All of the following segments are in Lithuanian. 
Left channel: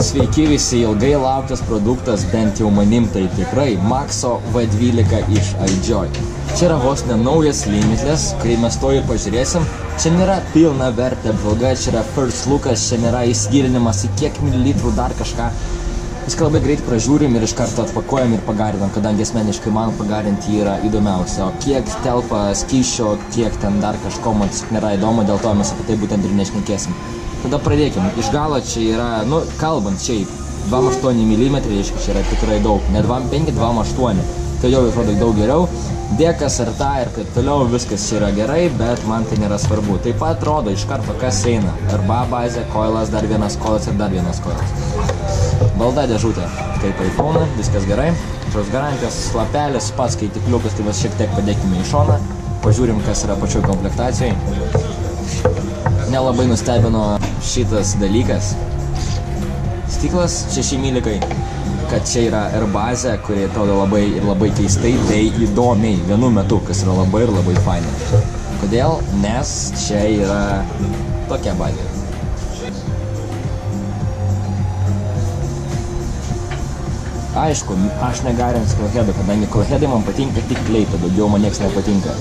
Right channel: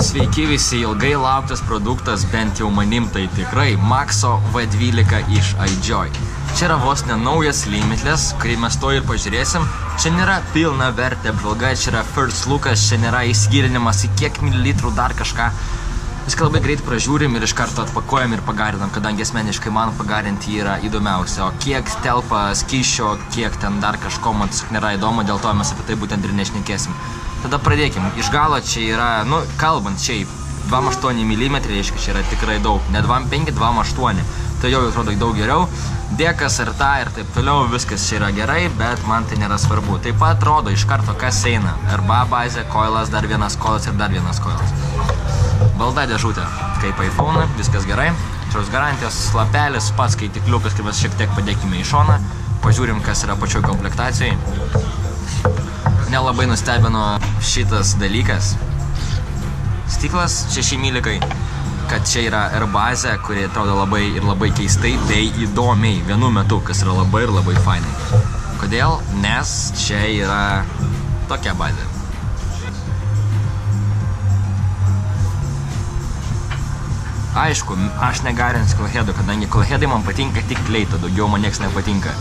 Sveiki visi, ilgai lauktas produktas, bent jau manim tai tikrai, Maxo V12 iš iJoy. Čia yra vos nenaujas limitless, kurį mes to ir pažiūrėsim. Čia nėra pilna vertė apžvalga, čia yra first lookas, čia nėra įsigilinimas į kiek mililitrų dar kažką. Viską labai greit pražiūrim ir iš karto atpakuojam ir pagarinam, kadangi asmeniškai man pagarinti yra įdomiausia. O kiek telpa skysčio, kiek ten dar kažko, man tiesiog nėra įdomu, dėl to mes apie tai būtent ir nešnekėsim. Tada pradėkim. Iš galo čia yra, kalbant šiaip, 2,8 mm, reiškia, čia yra tikrai daug. Ne 2,5, 2,8. Tai jau atrodo daug geriau. Dėkas ir ta ir taip toliau, viskas čia yra gerai, bet man tai nėra svarbu. Taip pat rodo iš karto, kas eina. RBA bazė, koilas, dar vienas koilas ir dar vienas koilas. Balda dėžutė, kaip iPhone, viskas gerai. Šios garantijos lapelis, pats skaitikliukas, tai mes šiek tiek padėkime į šoną. Pažiūrim, kas yra pačioj komplektacijai. Nelabai nustebino šitas dalykas. Stiklas 6 mm, kad čia yra R bazė, kuri atrodo labai ir labai keistai bei įdomiai vienu metu, kas yra labai ir labai fainai. Kodėl? Nes čia yra tokia bazė. Aišku, aš negarinsiu Coilheadų, kadangi Coilheadai man patinka tik kleito, daugiau man nieks nepatinka.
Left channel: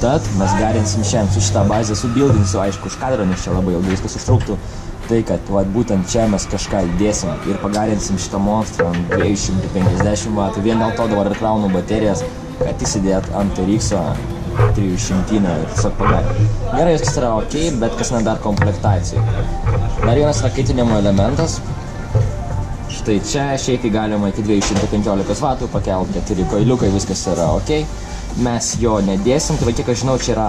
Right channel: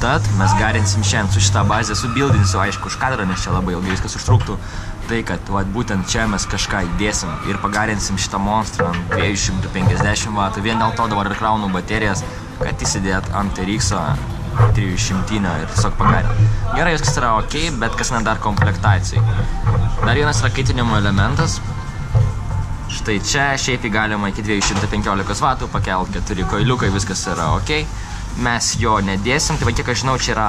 Tad mes garinsim šiandien su šitą bazę, subildinsiu, aišku, už kadrą, nes čia labai ilgai viskas užtruktų. Tai, kad būtent čia mes kažką įdėsim ir pagarinsim šitą monstrą ant 250 W. Vien dėl to dabar ir kraunu baterijas, kad įsidėt ant RX-o 300 ir tiesiog pagarinti. Gerai, viskas yra ok, bet kas ne dar komplektacijai. Dar vienas yra kaitinimo elementas. Štai čia šiaip galima iki 215 W pakelt, 4 koiliukai, viskas yra ok. Mes jo nedėsim, tai va kiek aš žinau, čia yra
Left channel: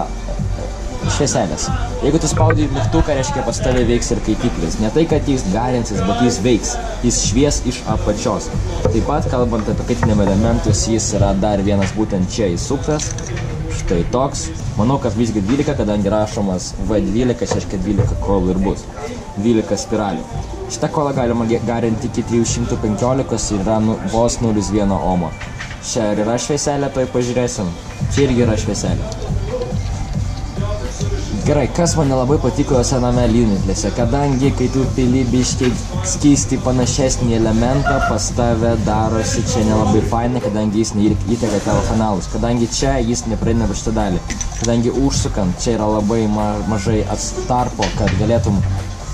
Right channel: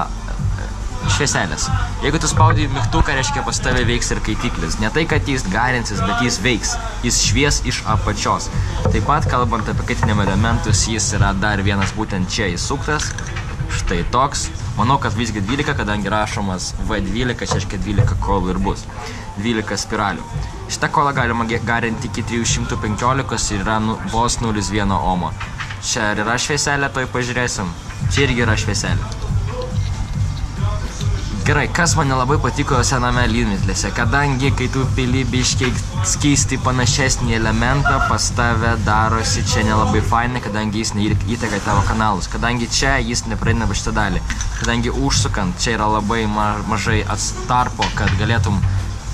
švieselės. Jeigu tu spaudi mygtuką, reiškia pas tave veiks ir kaitiklis. Ne tai, kad jis garinsis, bet jis veiks. Jis švies iš apačios. Taip pat, kalbant apie kaitinimo elementus, jis yra dar vienas būtent čia įsuktas. Štai toks. Manau, kad visgi 12, kadangi rašomas V12, reiškia 12 koilų ir bus. 12 spiralių. Šitą koilą galima garinti iki 315 ir yra vos 0,1 ohmo. Čia yra švieselė, toj pažiūrėsim. Čia irgi yra švieselė. Gerai, kas man nelabai patiko sename limitlesse, kadangi kai tu pili biškiai skystį panašesnį elementą, pas tave darosi čia nelabai fainai, kadangi jis neįteka į tavo kanalus. Kadangi čia jis nepraeina va šitą dalį. Kadangi užsukant, čia yra labai mažai atstarpo,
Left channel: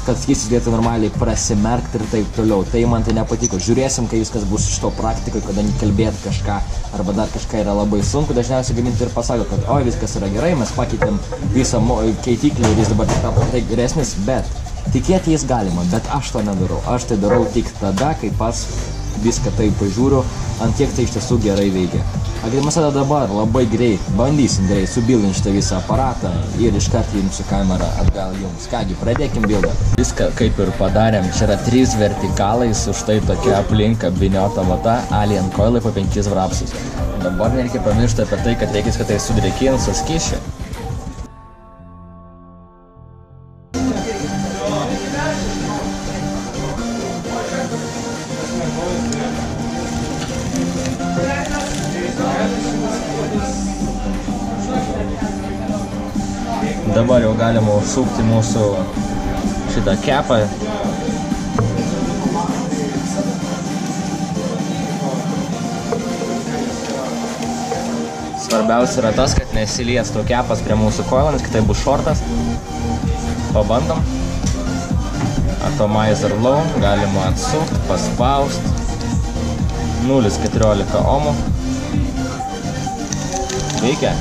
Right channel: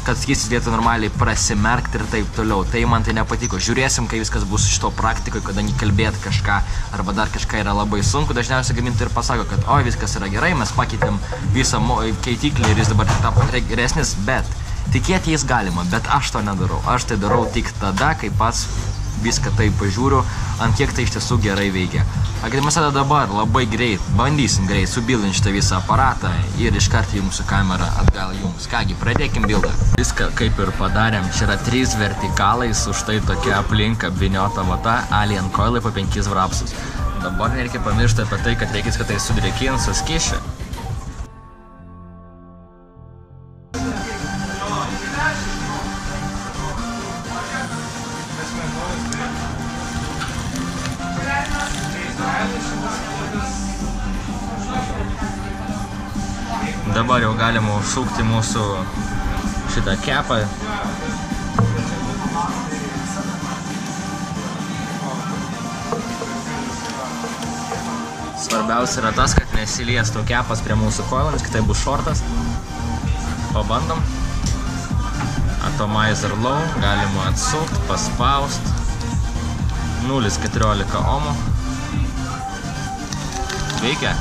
kad skystis galėtų normaliai prasimerkti ir taip toliau. Tai man tai nepatiko. Žiūrėsim, kai viskas bus šito praktikoje, kadangi kalbėti kažką arba dar kažką yra labai sunku. Dažniausiai gamintojai ir pasako, kad oi, viskas yra gerai, mes pakeitėm visą keitiklį ir jis dabar tapo geresnis, bet tikėti jis galima, bet aš to nedarau. Aš tai darau tik tada, kai pats viską taip pažiūriu, ant kiek tai iš tiesų gerai veikia. Mes tada dabar labai greit, bandysim greit subildinti šitą visą aparatą ir iškart jums su kamera atgal jums. Kągi, pradėkim bildą. Viską kaip ir padarėm, čia yra 3 vertikalais, už tai tokia aplink apvyniota vata, alien koilai po 5 vrapsus. Dabar nereikia pamiršti apie tai, kad reikės, kad tai sudrėkins su skysčiu. Dabar jau galima užsukti mūsų šitą kepą. Svarbiausia yra tas, kad nesiliestų kepas prie mūsų koilo, nes kitai bus šortas. Pabandom. Atomizer low, galima atsukti, paspaust. 0,14 ohmų. Veikia.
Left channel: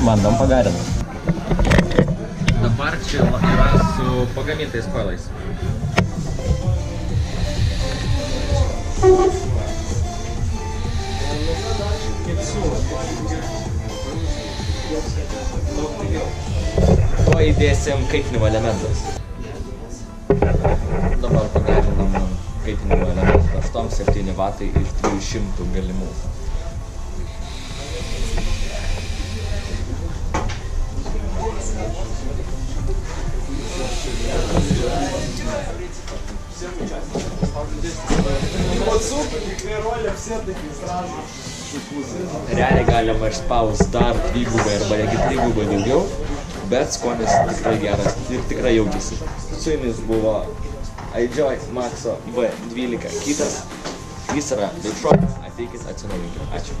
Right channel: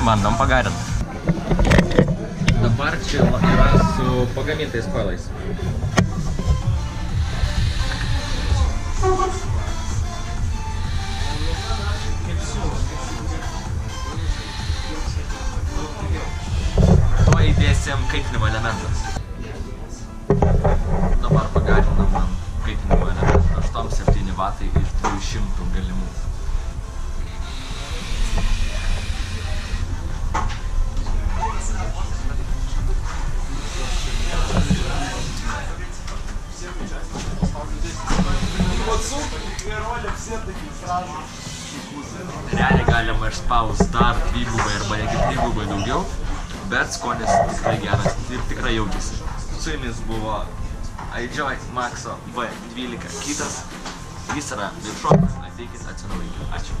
Bandom pagarinti. Dabar čia yra su pagamintais koilais. Tuo įdėsim kaitinimo elementas. Dabar pagarinam kaitinimo elementą 8-7 W iš 300 galimų. Realiai galima išspaust dar 2 arba netgi 3 daugiau, bet skonis tikrai geras ir tikrai jaučiasi. Su jumis buvo iJoy Maxo B12 kitas. Jis yra Bigshot, ateikit, atsinaujinkit. Ačiū.